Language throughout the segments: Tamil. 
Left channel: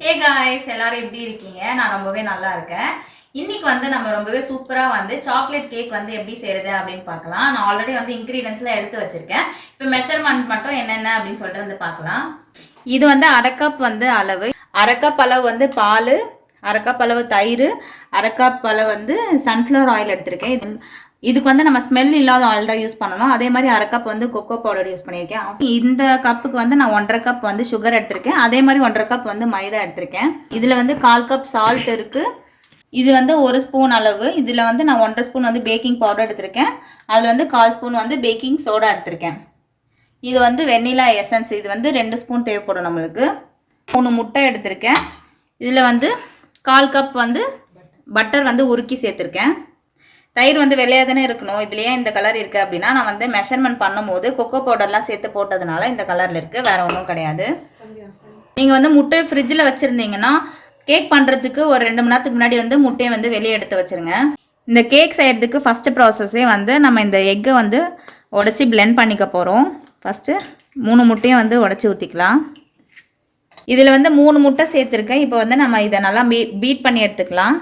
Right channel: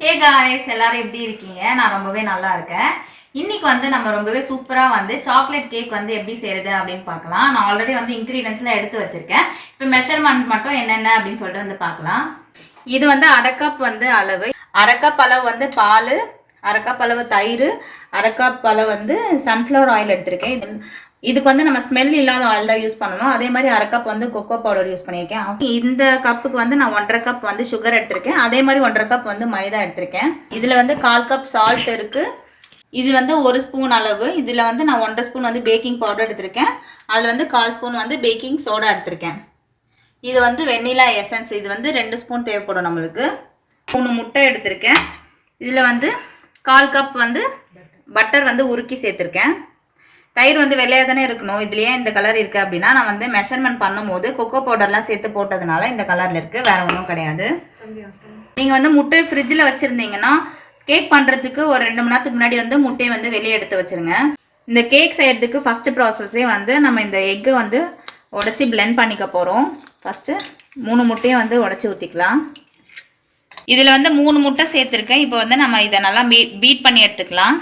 ஹே காய்ஸ், எல்லாரும் எப்படி இருக்கீங்க? நான் ரொம்பவே நல்லா இருக்கேன். இன்னைக்கு வந்து நம்ம ரொம்பவே சூப்பரா வந்து சாக்லேட் கேக் வந்து எப்படி செய்யறது அப்படின்னு பார்க்கலாம். நான் ஆல்ரெடி வந்து இன்கிரீடியன்ஸ்லாம் எடுத்து வச்சிருக்கேன். இப்போ மெஷர்மெண்ட் மட்டும் என்னென்ன அப்படின்னு சொல்லிட்டு வந்து பார்க்கலாம். இது வந்து அரை கப் வந்து அளவு, அரை கப் அளவு வந்து பால், அரை கப் அளவு தயிர், அரை கப் அளவு வந்து சன்ஃப்ளவர் ஆயில் எடுத்திருக்கேன். இதுக்கு வந்து நம்ம ஸ்மெல் இல்லாத ஆயில் தான் யூஸ் பண்ணணும். அதே மாதிரி அரை கப் வந்து கொக்கோ பவுடர் யூஸ் பண்ணியிருக்கேன். இந்த கப்புக்கு வந்து நான் 1.5 கப் வந்து சுகர் எடுத்திருக்கேன். அதே மாதிரி 1.5 கப் வந்து மைதா எடுத்திருக்கேன். இதில் வந்து 1/4 கப் சால்ட் இருக்குது. இது வந்து 1 ஸ்பூன் அளவு. இதில் வந்து நான் 1.5 ஸ்பூன் வந்து பேக்கிங் பவுடர் எடுத்திருக்கேன். அதில் வந்து 1/4 ஸ்பூன் வந்து பேக்கிங் சோடா எடுத்திருக்கேன். இது வந்து வெண்ணிலா எசன்ஸ். இது வந்து 2 ஸ்பூன் தேவைப்படும் நம்மளுக்கு. 3 முட்டை எடுத்திருக்கேன். இதில் வந்து 1/4 கப் வந்து பட்டர் வந்து உருக்கி சேர்த்துருக்கேன். தயிர் வந்து வெள்ளையாக தானே இருக்கணும். இதுலேயே இந்த கலர் இருக்குது அப்படின்னா நான் வந்து மெஷர்மெண்ட் பண்ணும்போது கொக்கோ பவுடர்லாம் சேர்த்து போட்டதுனால இந்த கலரில் இருக்குது, வேறு ஒன்றும் கிடையாது. நீங்கள் வந்து முட்டை ஃப்ரிட்ஜில் வச்சுருந்தீங்கன்னா கேக் பண்ணுறதுக்கு ஒரு 2 மணி நேரத்துக்கு முன்னாடி வந்து முட்டையை வந்து வெளியே எடுத்து வச்சுருங்க. இந்த கேக் செய்கிறதுக்கு ஃபஸ்ட்டு ப்ராசஸே வந்து நம்ம இந்த எக்கை வந்து உடச்சி பிளெண்ட் பண்ணிக்க போகிறோம். ஃபஸ்ட்டு 3 முட்டையும் வந்து உடச்சி ஊற்றிக்கலாம். இதில் வந்து 3 முட்டை சேர்த்துருக்கேன். இப்போ வந்து நம்ம இதை நல்லா பீட் பண்ணி எடுத்துக்கலாம்.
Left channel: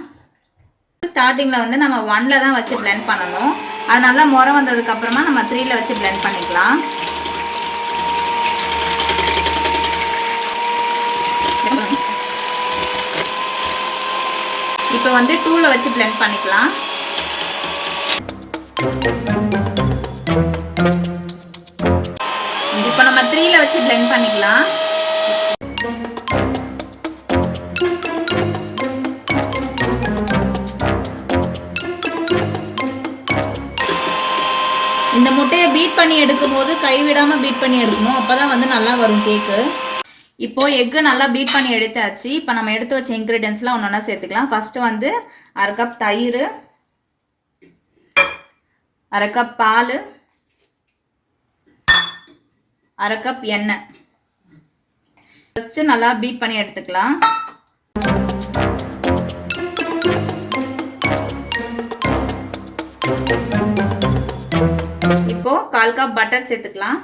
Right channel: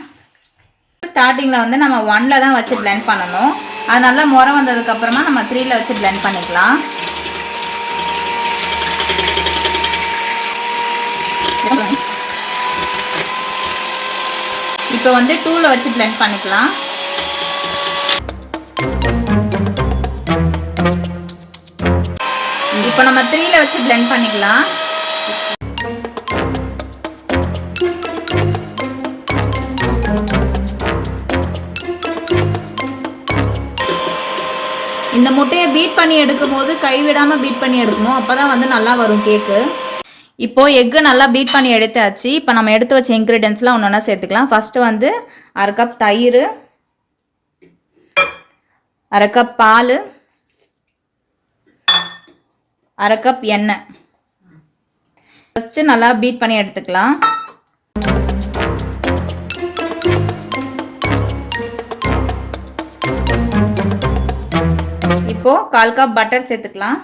ஸ்டார்டிங்கில் வந்து நம்ம 1ல் தான் வச்சு பிளெண்ட் பண்ணணும். அது நல்லா முறை வந்ததுக்கப்புறமா நம்ம 3ல் வச்சு பிளெண்ட் பண்ணிக்கலாம். இப்போ வந்து 2ல் வச்சு பிளெண்ட் பண்ணிக்கலாம். இப்போ நம்ம 3ல் வச்சு பிளெண்ட் பண்ணிக்கலாம். இந்த முட்டையை பீட் பண்ணி எடுக்கும் போது கைவிடாமல் பீட் பண்ணி எடுக்கணும். அப்போ தான் வந்து நல்லா வரும் கேக்கு. இப்போது எக்கு நல்லா பீட் பண்ணி எடுத்தாச்சு. இப்போ நம்ம எடுத்து வச்ச இன்க்ரீடியன்ஸ்லாம் ஒன்று ஒன்றா சேர்த்துக்கலாம். ஃபஸ்ட்டு வந்து அரை கப் தயிர், அரை கப் பால், அரை கப் எண்ணெய். ஃபஸ்ட்டு நல்லா பீட் பண்ணி எடுத்துக்கலாம். இப்போ 1/4 கப் பட்டர் சேர்த்துக்கலாம்.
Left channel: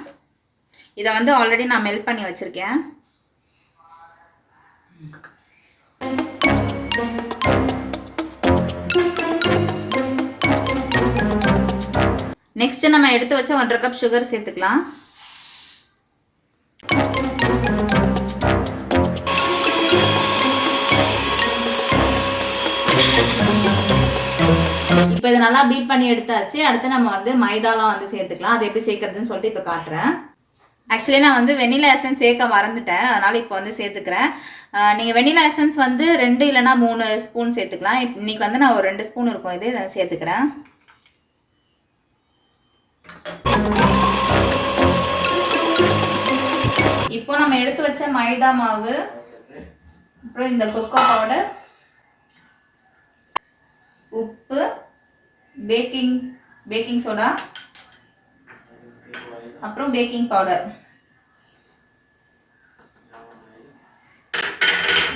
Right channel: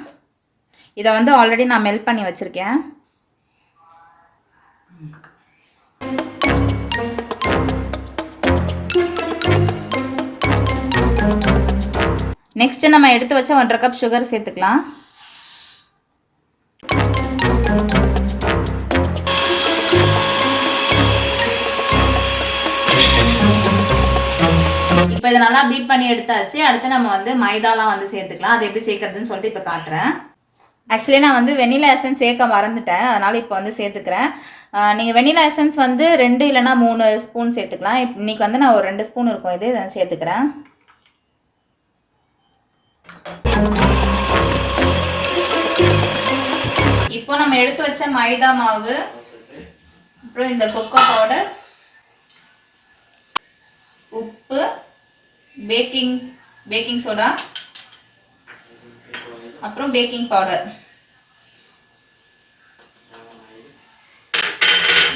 இதை வந்து ஆல்ரெடி நான் மெல்ட் பண்ணி வச்சிருக்கேன். நெக்ஸ்ட் நம்ம எடுத்து வச்ச 1.5 கப் சுகர் சேர்த்துக்கலாம். இப்போ இதை நல்லா பீட் பண்ணி எடுத்தாச்சு. அடுத்து நம்ம வந்து மைதாலாம் வந்து சேர்த்துக்கலாம். அது எப்படி சேர்க்கறதுன்னு சொல்லிட்டு இப்போ காட்டுறேன். ஆக்சுவலி நான் வந்து வெண்ணிலா எசன்ஸ் சேர்க்க மறந்துட்டேன், அதனால் இப்போ வந்து சேர்த்துக்கிறேன். நீங்கள் வெண்ணிலா எசன்ஸ் வந்து 2 இல்லைனா 3 ஸ்பூன் சேர்த்துக்கலாம். இன்றைக்கி வந்து நான் ஒரு 2 ஸ்பூன் இருக்கும் இது இதை சேர்த்துக்கிறேன். இப்போ நம்ம எடுத்து வச்ச மைதா மாவு, அப்புறம் இந்த கொக்கோ பவுடர், உப்பு, பேக்கிங் சோடா, அப்புறம் பேக்கிங் பவுடர்,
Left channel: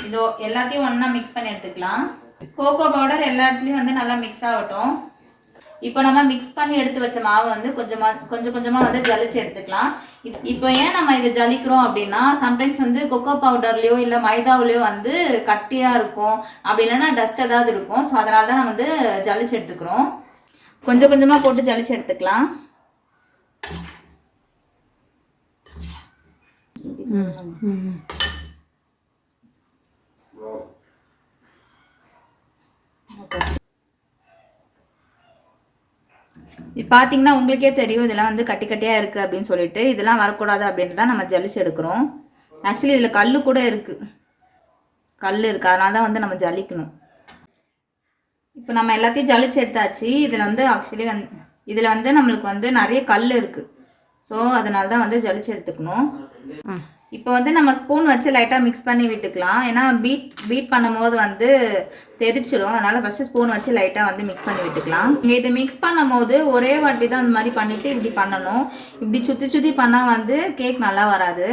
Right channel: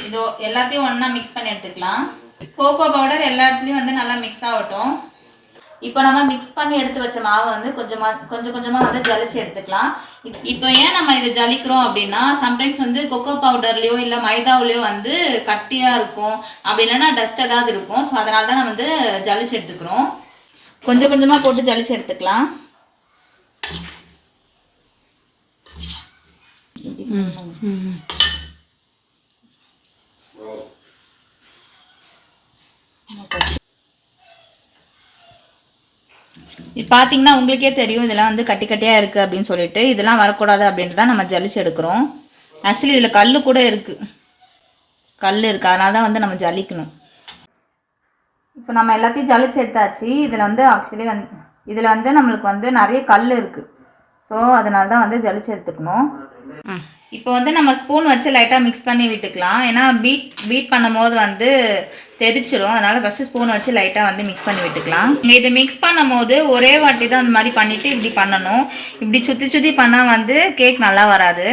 இதோ எல்லாத்தையும் ஒன்றா மிக்ஸ் பண்ணி எடுத்துக்கலாம். கோகோ பவுடர் எல்லா இடத்துலையும் வந்து நல்லா மிக்ஸ் ஆகட்டும். இப்போ நம்ம மிக்ஸ் பண்ணி எடுத்து வச்ச மாவை வந்து கொஞ்சம் கொஞ்சமாக வந்து ஜலிச்சு எடுத்துக்கலாம். இப்போ ஏன் நம்ம இதை ஜலிக்கிறோம் அப்படின்னா, சம்டைம்ஸ் வந்து கொக்கோ பவுடர்லேயோ இல்லை மைதாவிலையோ வந்து கட்டியாக இருக்கும், அப்படி இல்லைன்னா டஸ்ட் ஏதாவது இருக்கும். ஸோ அதனால தான் நம்ம வந்து ஜலிச்சு எடுத்துக்கிறோம். கொஞ்சம் கொஞ்சமாக போட்டு ஜலிச்சு எடுத்துக்கலாம். இது பார்த்தீங்கன்னா உங்களுக்கே தெரியும் இதெல்லாம் வந்து கட்டி கட்டியாக இருக்குது அப்படின்னு சொல்லிட்டு. இதெல்லாம் வரக்கூடாது அப்படின்ட்டு தான் நம்ம ஜலிச்சு எடுக்கிறோம். ஆக்சுவலி இதில் கல் கூட இருக்குது, அதனால தான் வந்து நம்ம ஜலிக்கணும். இப்போ நம்ம எல்லாத்தையும் ஜலிச்சு எடுத்தாச்சு. இதில் வந்து ஆக்சுவலி இதில் வந்து நம்மளுக்கு வந்து நிறைய கல் இருக்குது. ஸோ அதனால தான் வந்து ஜலிச்சு எடுத்துக்கணும். இப்போ வந்து நம்ம ஸ்பூன் வச்சு லைட்டாக மிக்ஸ் பண்ணி விட்டுக்கலாம். ஏன்னா பீட் பண்ணும் போது வந்து தெரிச்சிடும். அதனால் ஃபஸ்ட்டு ஸ்பூன் வச்சு லைட்டாக வந்து மிக்ஸ் பண்ணி விட்டுக்கலாம். நீங்கள் இதை மிக்ஸ் பண்ணும் போது ஒரே வாட்டி தான் அந்த மாதிரி பண்ணிவிட்டு இப்படி பண்ணணும். இப்படி சுற்றி பண்ணால் வந்து கேக் நல்லா வராது.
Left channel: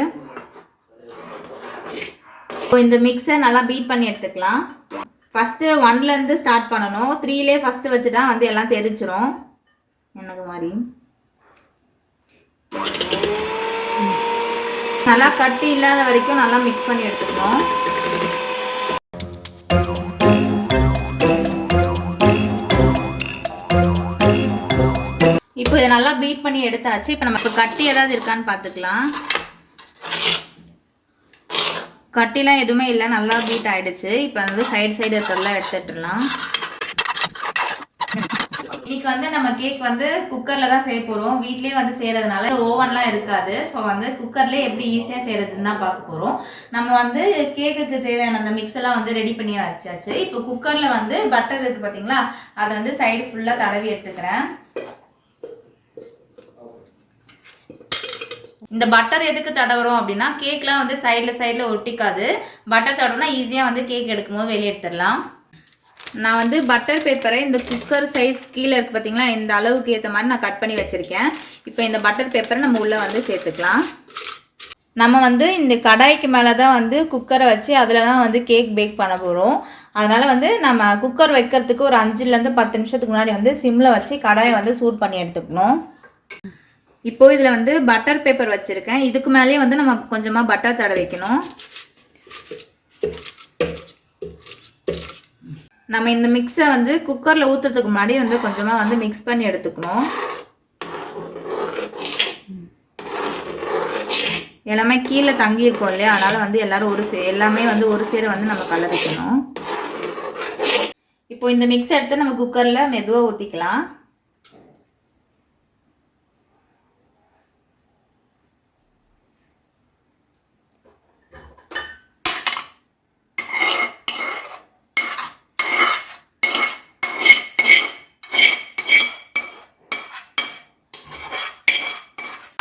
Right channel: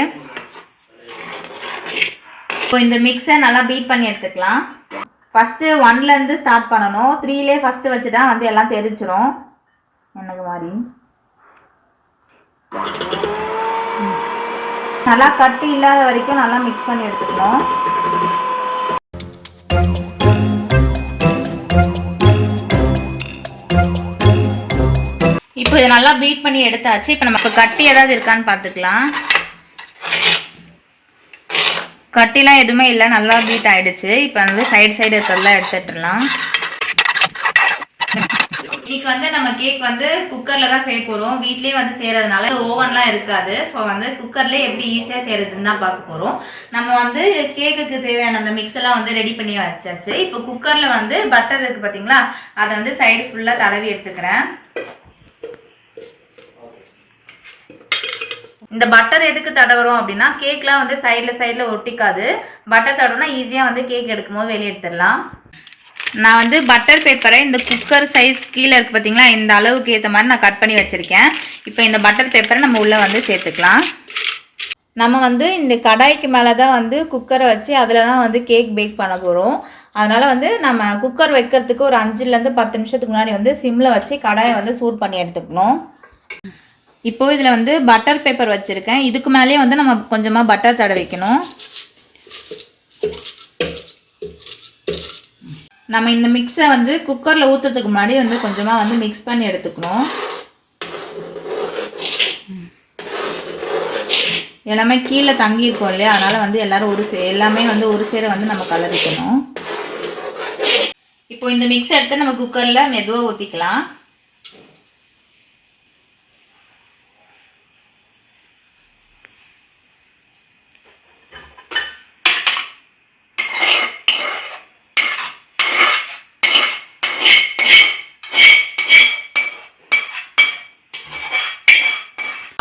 இப்போ இந்த மிக்ஸை நல்லா பீட் பண்ணி எடுத்துக்கலாம். ஃபஸ்ட்டு 1லேருந்து ஸ்டார்ட் பண்ணணும். 3லே ஃபஸ்ட்டு வச்சுட்டா வந்து எல்லாம் தெரிச்சிடும். எனக்கு மாதிரி நல்லா கட்டி இல்லாத வரைக்கும் நல்லா மிக்ஸ் பண்ணி எடுத்துக்கணும். நல்லா பீட் பண்ணி எடுத்தாச்சு. இப்போ நமக்கு கட்டி ஏதாவது இருக்கான்னு பார்த்துக்கலாம். கட்டிலாம் எதுவுமே இல்லை, நல்லா பீட் ஆகிடுச்சு. இப்போ வந்து சைடு இருக்கிறதெல்லாம் எடுத்துட்டுலாம். இன்னைக்கு வந்து நம்ம கேக் வந்து குக்கரில் தான் செய்ய போகிறோம். வீட்லேயே வந்து செய்கிறதுனால ஓவன்லாம் இருக்காது. ஸோ வந்து குக்கர்லேயே எப்படி ஈஸியாக செய்கிறதுன்னு தான் பார்க்க போகிறோம். நம்ம வந்து கேக்குக்கு தேவையான அந்த மிக்ஸ் எல்லாம் வந்து ரெடி பண்ணி வச்சாச்சு. இப்போ குக்கரில் வந்து பட்டர் இருக்குது பார்த்தீங்களா, அதை வந்து சைடு ஃபுல்லாக தடவி எடுத்துக்கிறேன். இந்த பட்டர் எதுக்கு தடவுறோம் அப்படின்னா, கேக்லாம் வந்து சைடில் ஒட்டிக்காது. பட்டர் தடவுனா ஈஸியாக வந்து கேக் எடுக்கும் போது வெளியே எடுத்துடலாம். நான் வந்து பட்டர் பேப்பரை இந்த குக்கர் சைஸ் கீழே இருக்குது பார்த்தீங்களா, இந்த அளவுக்கு ஏற்ற மாதிரி நான் கட் பண்ணி வச்சுருக்கேன். இப்போ இந்த பட்டர் பேப்பரை நம்ம உள்ளே வந்து சேர்த்துக்கலாம். நம்ம வந்து இந்த கடாய்க்கு மேலே தான் வந்து குக்கரை வச்சு அதில் தான் வந்து கேக் பேக் பண்ண போகிறோம். அதனால் வந்து நம்ம குக்கர் வைக்கிறதுக்கு ஒரு 5லேருந்து 10 நிமிஷத்துக்கு முன்னாடி வந்து சிம்மில் வச்சு கடாயை வந்து சூடு பண்ணி எடுத்துக்கணும். இப்போது இதில் வந்து பட்டர் பேப்பர் வச்சுருக்கேன். இதுக்கு மேலேயே வந்து நம்ம கொஞ்சமாக பட்டர் தடவை வைக்கணும். நம்ம இந்த மிக்ஸை வந்து குக்கரில் ஊற்றுறதுக்கு முன்னாடி வந்து கொஞ்சமாக வந்து மிக்ஸ் பண்ணி எடுத்துக்கணும். எல்லாமே கீழே தங்கியிருக்கோம் இல்லையா, அதனால் வந்து எல்லோரும் எல்லாமே வந்து ஒரு சேர வந்து நம்ம கலரிக்கணும். இப்போ இந்த மிக்ஸ் எடுத்து நம்ம குக்கரில் மெதுவாக ஊற்றிக்கலாம்.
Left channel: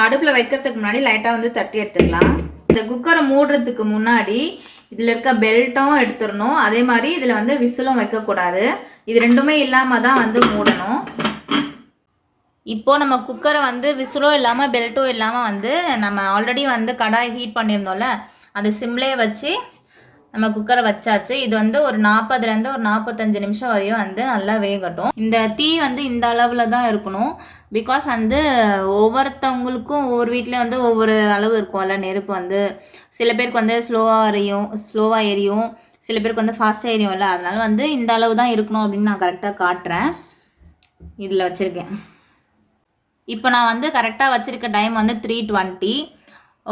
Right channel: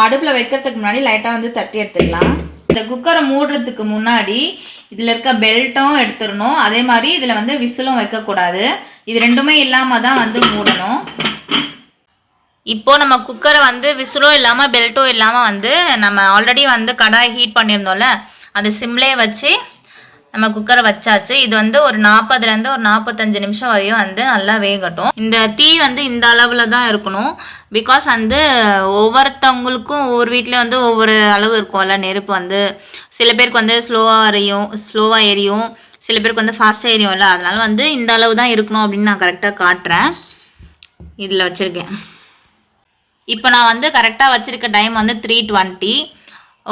அடுப்பில் வைக்கிறதுக்கு முன்னாடி லைட்டாக வந்து தட்டி எடுத்துக்கலாம். இந்த குக்கரை மூடுறதுக்கு முன்னாடி இதில் இருக்க பெல்ட்டும் எடுத்துடணும். அதே மாதிரி இதில் வந்து விசிலும் வைக்கக்கூடாது. இது ரெண்டுமே இல்லாமல் தான் வந்து மூடணும். இப்போது நம்ம குக்கரை வந்து விசிலும் இல்லாமல் பெல்ட்டும் இல்லாமல் வந்து நம்ம ஆல்ரெடி வந்து கடாய் ஹீட் பண்ணியிருந்தோம்ல, அது சிம்லேயே வச்சு நம்ம குக்கரை வச்சாச்சு. இது வந்து ஒரு 40லேருந்து ஒரு 45 நிமிஷம் வரையும் வந்து நல்லா வேகட்டும். இந்த தீ வந்து இந்த அளவில் தான் இருக்கணும். பிகாஸ் வந்து ஒவ்வொருத்தவங்களுக்கும் ஒவ்வொரு வீட்டில் வந்து ஒவ்வொரு அளவு இருக்கும்ல நெருப்பு வந்து. சில பேருக்கு வந்து ஸ்லோவாக எரியும், சில பேருக்கு வந்து ஃபாஸ்ட்டாக எரியும்ல. அதனால வந்து இந்த அளவு தான் இருக்கணும் அப்படின்னு நான் கரெக்டாக காட்டுறேன். இதில் வச்சுருக்கேன். இப்போ நான் வந்து கரெக்டாக வச்சுருக்க டைம் வந்து 3:20.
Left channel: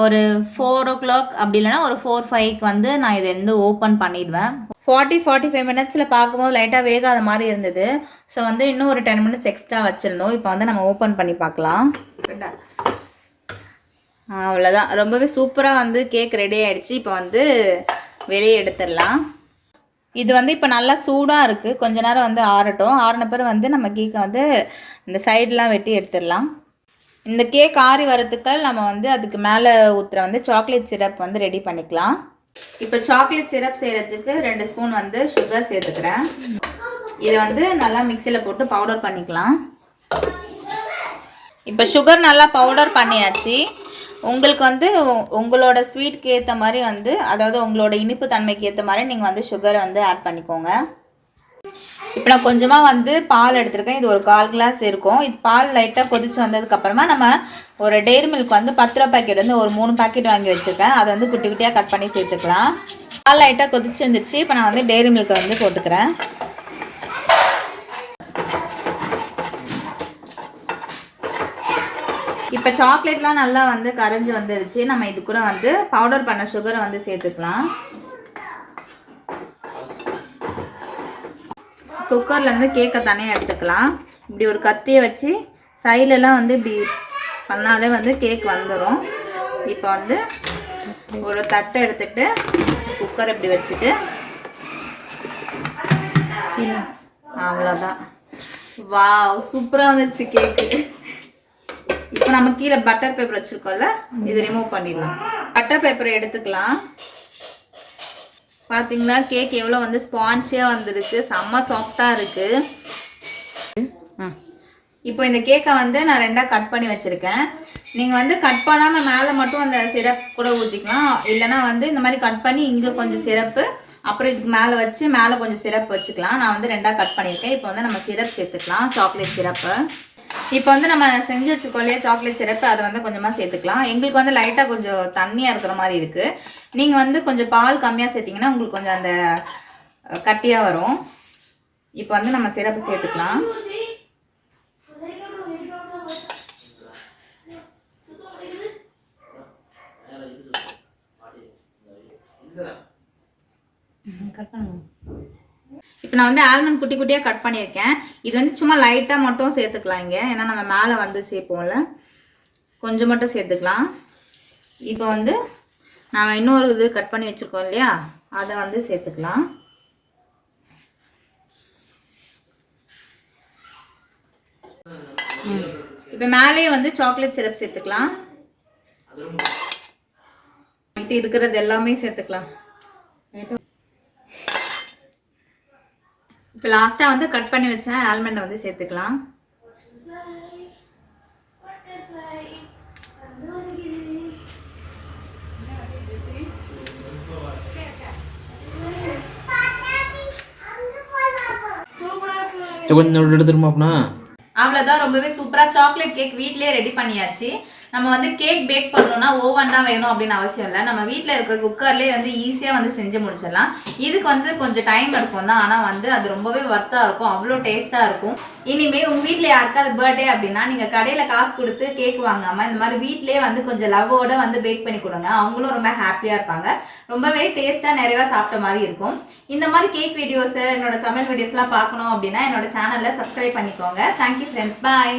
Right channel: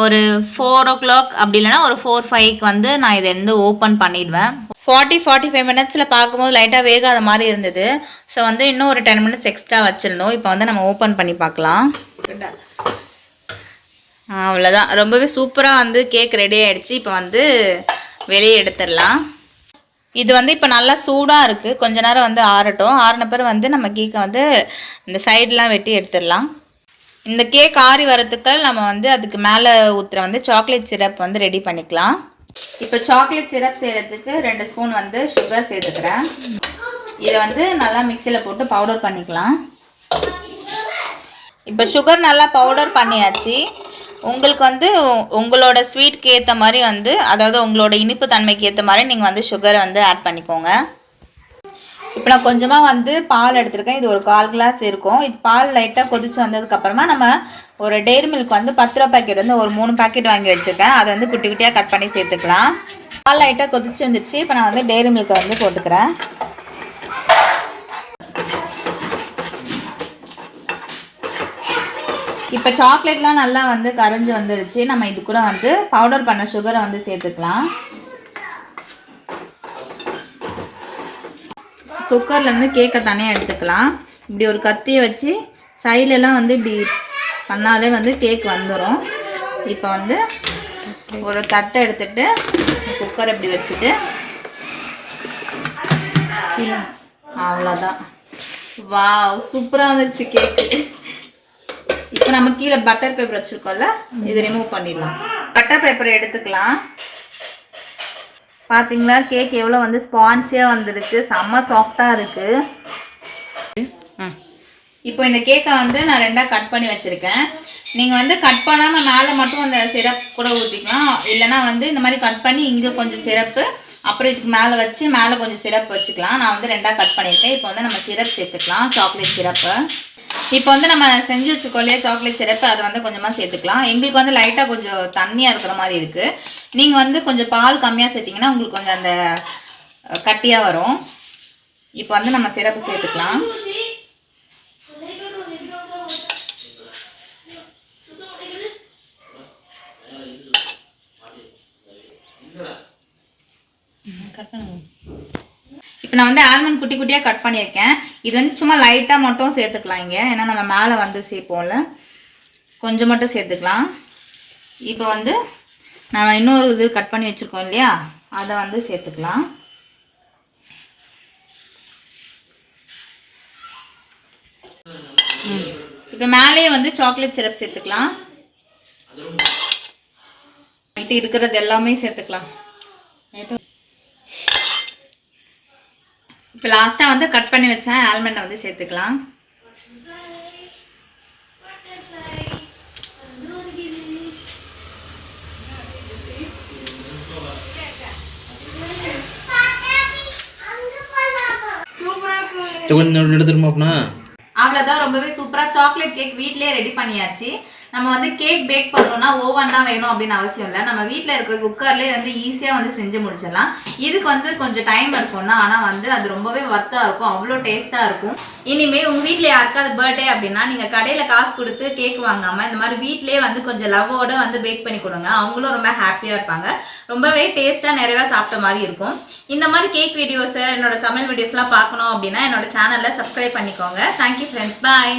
ஒரு 4 o'clock அப்படி இல்லைனா ஒரு 4-5க்கு வந்து நான் இதை வந்து ஓப்பன் பண்ணிடுவேன். 40-45 மினிட்ஸில் பார்க்கும்போது லைட்டாக வேகாத மாதிரி இருந்தது. ஸோ வந்து இன்னும் ஒரு 10 மினிட்ஸ் எக்ஸ்ட்ரா வச்சுருந்தோம். இப்போ வந்து நம்ம ஓப்பன் பண்ணி பார்க்கலாம். அவ்வளோதான், ரொம்பவே சூப்பராக வந்து கேக் ரெடி ஆகிடுச்சு. இப்போ வந்து வெளியே எடுத்துடலாம். இது வந்து இப்போ நல்லா சூடாக இருக்குது. கொஞ்ச நேரம் வந்து ஆறட்டும். ஆறின பிறகு வந்து நம்ம கேக்கை வந்து இந்த சைடெலாம் வெட்டி எடுத்துடலாம். இந்த கேக் ஆறி வரத்துக்கு நம்ம வந்து அதுக்கு மேலே ஊற்றுற வந்து சாக்லேட் சிரப் வந்து ரெடி பண்ணிக்கலாம். இப்போ சாக்லேட் சிரப் செய்கிறதுக்கு 2 ஸ்பூன் வந்து சுகர் சேர்த்துக்கிறேன். இதை வந்து நல்லா மிக்சியில் போட்டு பவுடர் பண்ணிக்கலாம். இப்போ சுகர் நல்லா பவுடர் பண்ணியாச்சு. உங்களுக்கு வந்து உங்களோட ஸ்வீட்க்கு ஏற்ற மாதிரி வந்து, அதாவது உங்களோட இனிப்பு தன்மைக்கு ஏற்ற மாதிரி நீங்கள் வந்து சுகரை வந்து ஆட் பண்ணிக்கோங்க. இப்போ நான் கொஞ்சமாக வந்து பால் எடுத்துருக்கேன். இது ஒரு 1/4 கிளாஸ் இருக்கும். இது பால் லைட்டாக கொதிச்சு வந்ததுக்கப்புறமா நம்ம ஒரு டெய்ரி மில்க் வந்து 10 ரூபா பேக்கெட் வந்து ஒரு 3 பேக்கெட் வாங்கி வச்சுருக்கேன். அதை வந்து குட்டி குட்டியாக கட் பண்ணி சேர்த்துக்கலாம். பால் லைட்டாக கொதிச்சு வந்துச்சு. இப்போ நான் வந்து டெய்ரி மில்க்கை வந்து போட்டுக்கிறேன். இப்போ சாக்லேட்லாம் நல்லா வந்து கரைஞ்சி வந்துருச்சு. நம்ம இது கூட வந்து பவுடர் பண்ண சுகரை வந்து சேர்த்துக்கலாம். குக்கர்லேருந்து கேக்கை தனியாக எடுத்துக்கலாம். இப்படி ஒரு கத்தியை வச்சு சைட்லலாம் வந்து இப்படி பண்ணாலே வந்து கேக் வந்துடும். இப்போ வந்து ஒரு தட்டை எடுத்துட்டு குக்கர் இப்படி வச்சுட்டு அவ்வளோதான். வாவ், சூப்பராக வந்துருச்சு கேக்கு. இப்போ நம்ம கீழே பட்டர் பேப்பர் வச்சுருக்கோம்ல, இது ரிமூவ் பண்ணிடலாம். பட்டர் பேப்பரை எடுத்துக்கலாம். பார்த்தீங்களா கேக் எவ்வளோ வந்து ஸ்பான்ச்சியாக வந்துருக்கு, செம்ம சாஃப்டாக இருக்குது. இப்போ இந்த கேக்கை வந்து நான் 2ஆக கட் பண்ணி வச்சுருக்கேன். நீங்கள் வந்து கட் பண்ணாமல் மேலே மட்டும் அந்த சிரப் கூட ஊற்றிக்கலாம். இல்லைனா வந்து இந்த மாதிரி கட் பண்ணி இங்கே கொஞ்சம் சிரப்பு, அப்புறம் இதுக்கு மேலே வச்சு மேலே கொஞ்சம் சிரப் வச்சுக்கலாம். நான் வந்து 2ஆக கட் பண்ணியிருக்கேன். இப்போ வந்து நம்ம சிரப் சேர்த்துக்கலாம், சாக்லேட் சிரப்பு. இப்போ வந்து நம்ம செஞ்சு வச்சுக்கோ இல்லையா சாக்லேட் சிரப்பு, அதை வந்து கொஞ்சமாக சேர்த்துக்கலாம். எங்களுக்கு வந்து லைட்டாக கொஞ்சம் தண்ணியாக இருக்கிற மாதிரி இருக்குது. நீங்கள் வந்து கொஞ்சம் பால் கம்மியாக சேர்த்திங்கன்னா உங்களுக்கு கொஞ்சம் அந்த கட்டியாக வரும். இப்போ வந்து நம்ம சிரப்பு சேர்த்துக்கலாம். இப்போ நான் வந்து ஆல்மண்ட் குட்டி குட்டியாக கட் பண்ணியிருக்கேன். இது வந்து சும்மா லைட்டாக மட்டும் சேர்த்துக்கலாம் இங்கே, ஏன்னா நம்ம மேலே வந்து சேர்ப்போம்ல, கொஞ்சம் மட்டும் சேர்த்துக்கலாம். இப்போ வந்து நான் இன்னொரு இது கட் பண்ணி வச்சுருக்கோம் இல்லையா, அதை வந்து சேர்த்துக்கலாம். இப்போ மேலேயே வந்து சாக்லேட் சிரப் சேர்த்துக்கலாம். இருக்கிறது எல்லாமே சேர்த்துக்கலாம். இப்போ லாஸ்ட்டாக வந்து கட் பண்ணி வச்சேன் ஆல்மண்டை வந்து சேர்த்துக்கலாம். கொஞ்சம் எடுத்துருமா. அவ்வளோதான், ரொம்பவே சூப்பராக சாக்லேட் கேக் வீட்டிலே ரெடி பண்ணியாச்சு. நம்ம வந்து கேக் பேக் பண்ணணும்னா ஓவன் தான் வேணும் அப்படின்னு அவசியம் இல்லை. நம்ம வீட்டில் இருக்கிற குக்கர்லேயே வந்து ஈஸியாக வந்து செஞ்சு முடிச்சிடலாம். இதுக்கு வந்து கொஞ்சம் டைம் இருக்கும் தான், ஆனால் வந்து அது ரொம்பவே ஒர்த்தாக இருக்கும், அவ்வளோ டேஸ்ட்டாக இருக்கும். இனிமேல் உங்கள் வீட்டில் யாருக்காவது பர்த்டே அப்படின்னா நீங்கள் கடையில் காசு கொடுத்து கேக் வாங்காமல் இந்த மாதிரி வீட்டிலே வந்து கொஞ்சம் லவ்வோட வந்து பேக் பண்ணி கொடுங்க. அவங்களும் ரொம்ப ஹாப்பியாக இருப்பாங்க, ரொம்பவே டேஸ்ட்டாக நிறைவாக சாப்பிட்ட மாதிரி இருக்கும். இந்த மாதிரி கேக் வீடியோஸை, என்னோட சமையல் வீடியோஸ்லாம் பார்க்கணும் அப்படின்னா என்னோட சேனலில் சப்ஸ்கிரைப் பண்ணிக்கோங்க. தேங்க்யூ ஃப்ரெண்ட்ஸ், பாய்.